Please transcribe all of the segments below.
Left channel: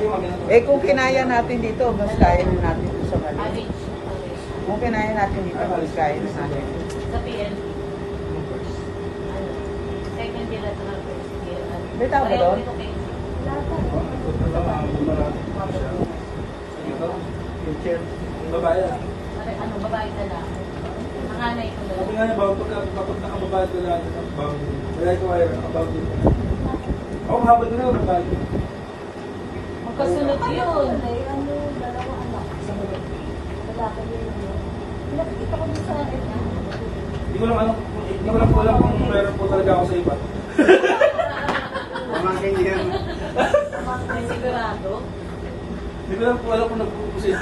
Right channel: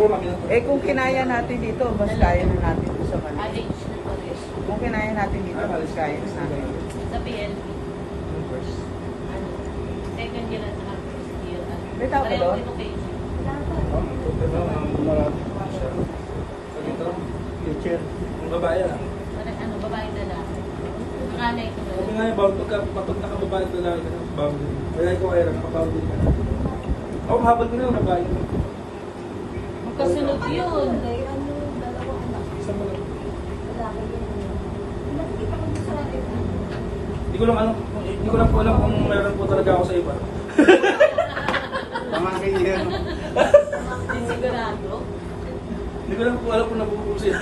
Eh kung kinaya natin dito, mas kaya na natin doon sa Manila. Manage. Kung kinaya natin dito, mas kaya na natin. Sa PLD. Second year at saka first year. Bitaw ka Pareho doon? education. Babae ah. Ano, babae lalaki. Nanganay ko Sabi doon. nga niya, bawal kapag nakababae ka lang, bawal din. Wala ito kaya, nakabawal din. Ako habang nila, nabawal din. Magkasunod yun. Hindi ko lang alam, hindi ko lang alam kung meron po talaga ako sa iba. Pamangkin yan. Hindi sigurado. Hindi ko lang po alam kung nabubuo sila.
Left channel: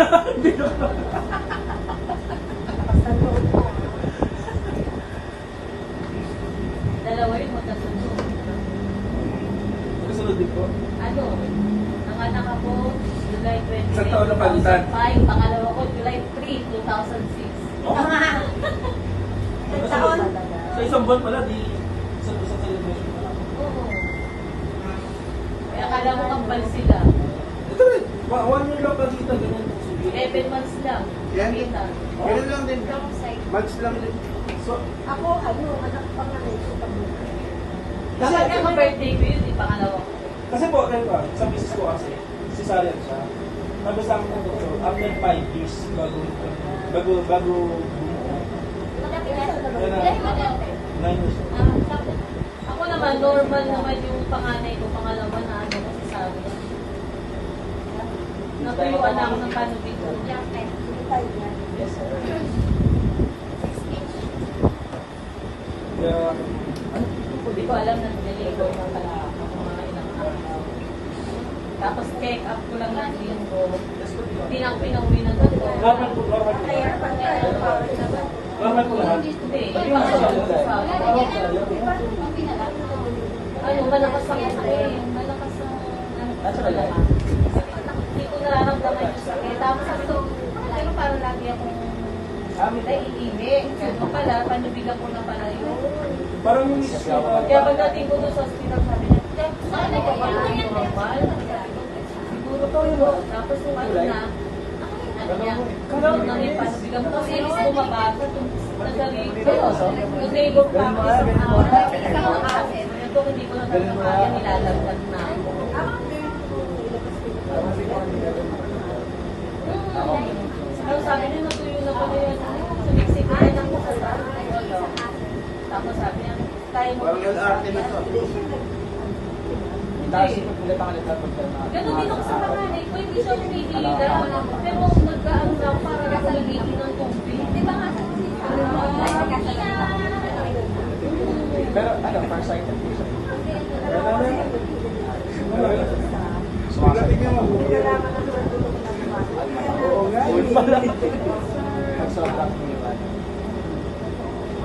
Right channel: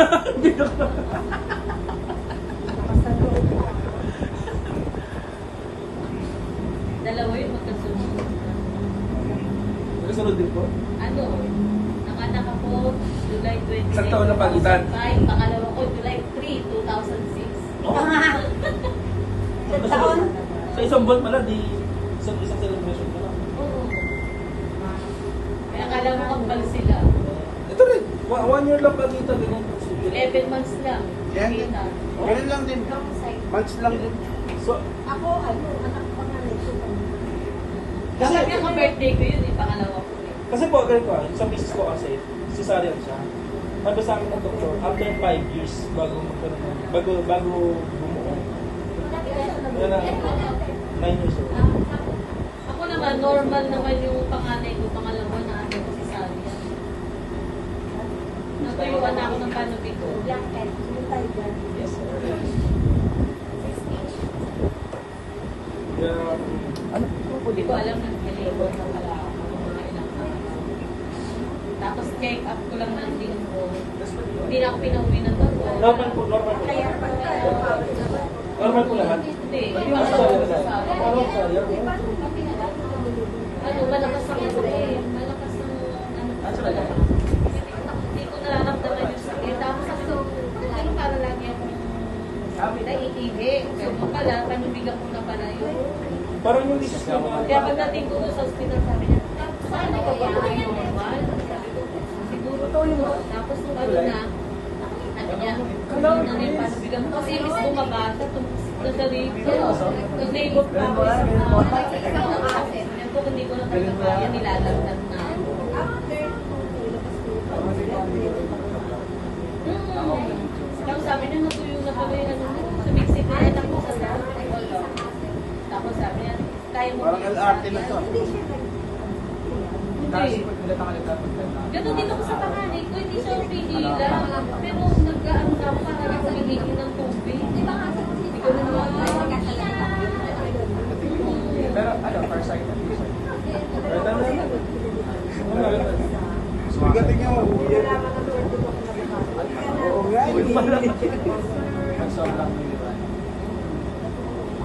Dalawa yun magkasunod. Magkasunod din po. Ano? Nanganak ako July 28, Isang taon na palitan. 2005. Pangalawa ko July 3, 2006. Oo. Magkasunod. Sa isang buwan pala, di isang celebration pala. Oo. Kaya akala mo kambal sila. Ito rin, 1 year lang pagkita, ganyan. 11 months lang. Yan. Kita. Ganun lang din. Months lang din. So, Ako, anak pa nga rin siya kami. Kasi nga birthday ko yun, pangalawa ko. kasi po, ganito ah, sa misis ko kasi, cesarean siya. Sabi sa akin ng doktor, after 5 years bago bumuo. Kaya na, 9 years old. Ako naman, normal naman yung panganay ko, pangalawa na ano ko si Sabia. Natuyuan na ako ng panubig ko. Young pet, hindi tayo dyan. Yes, sir. Kaya, Hindi ko alam na nilibot na pala ako ng mga ilang araw. Tapos check up ko lang ng linggo. Hindi na ako pinauwi ng doktor. normal po lahat. Hindi, pangalawa ko sa ano, malakas ang sakit. Malakas ang malakas. Hindi ko nararamdaman yung sakit. Tapos sabi ko, bakit ganun parang lagi akong naiihi. Ganun pala, panubigan ko na pala yun. Parang yung misis ko, Kaya pagdating ko doon sa hospital, sabi niya, saan ko ba ito yung normal? Sabi ko, siguro to yun. Tapos nung ano na, ano niya, ano yung panubigan mo. Kasi ilis bumabasa, nag-labor pa ako isang araw. Ito, hindi ko na talaga kaya, nilalagdag na. Tapos sabi niya, natuyo na kami, sumiksik na anak mo sa dami. Tapos sabi niya, kaya mo Parang LRT na to. Hindi. Ganun din ako sa panganay ko, hindi siya umihila. Pero nagkaan daw para ako umihi ng tubig. Di ba nga? Hindi ko rin alam. pero ano, first sight. Pero ano yun? Sugatin niyo. Oo nga.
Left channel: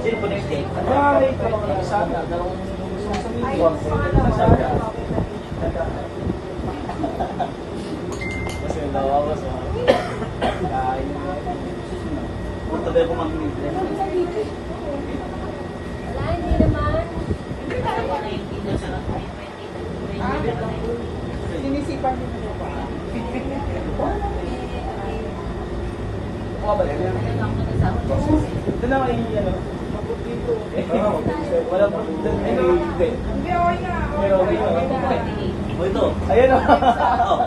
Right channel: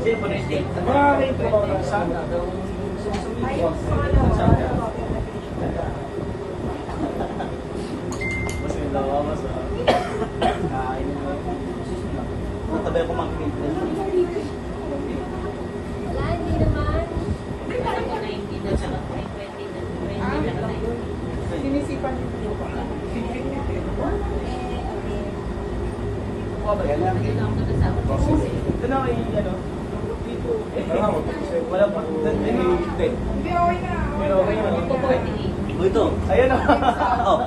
Sino po na yung date? Ah, wait po. Sana. Tabi ko mag-meet. Wala, hindi naman. Ako 90 na siya, 20 na. 20 na. Sinisipan nito. Ayun ako nagkasama ko. Doon na kayo ano? Wala pa. Hindi. Pero okay mo. Ito 48. Ito. Ayan na. Oh.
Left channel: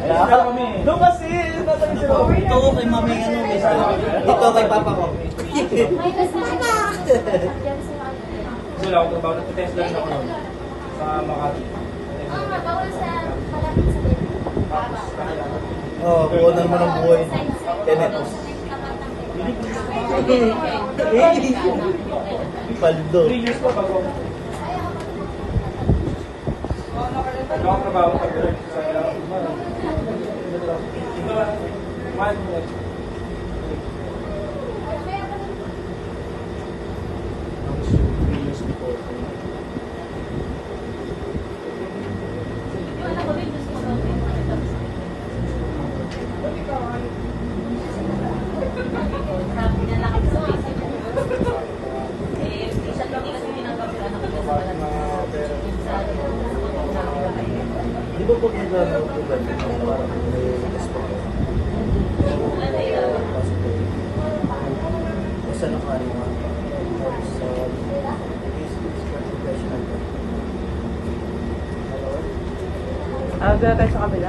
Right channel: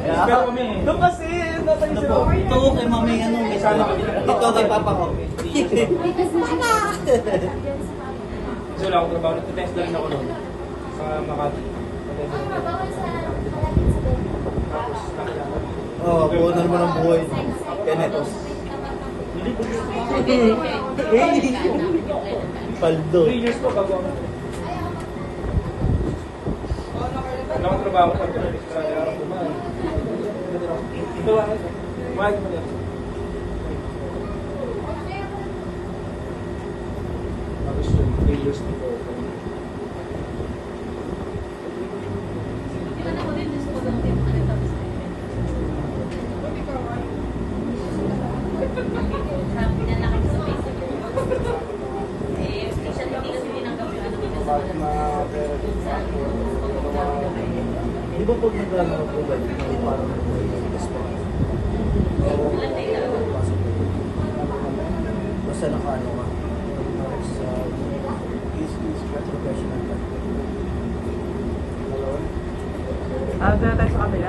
Pero kami. Doon kasi. Ito kay mami ano. May sana kami. Ito kay papa ko. May kasama na. Diyan sa mga. Kasi wala akong trabaho. Nagtitest lang ako noon. Sa Makati. Bawal sa malapit sa bed. Oo, kunin mo ng buhay. Kenetos. Paldo. 3 years ko bago ako. Wala akong trabaho pag sa ito lang. Mahal mo yan. Tapos 3 years before. Yung anak ko din, gusto ko lang din. Sabi niya na kami sa basic. Hindi kasi tinanggap yung anak kami sa wala. Sa kulong namin na kayo. Di ba po naglalaro po lang? Basta nakaano ka. Sa is professional. Doon tayo sa kabila.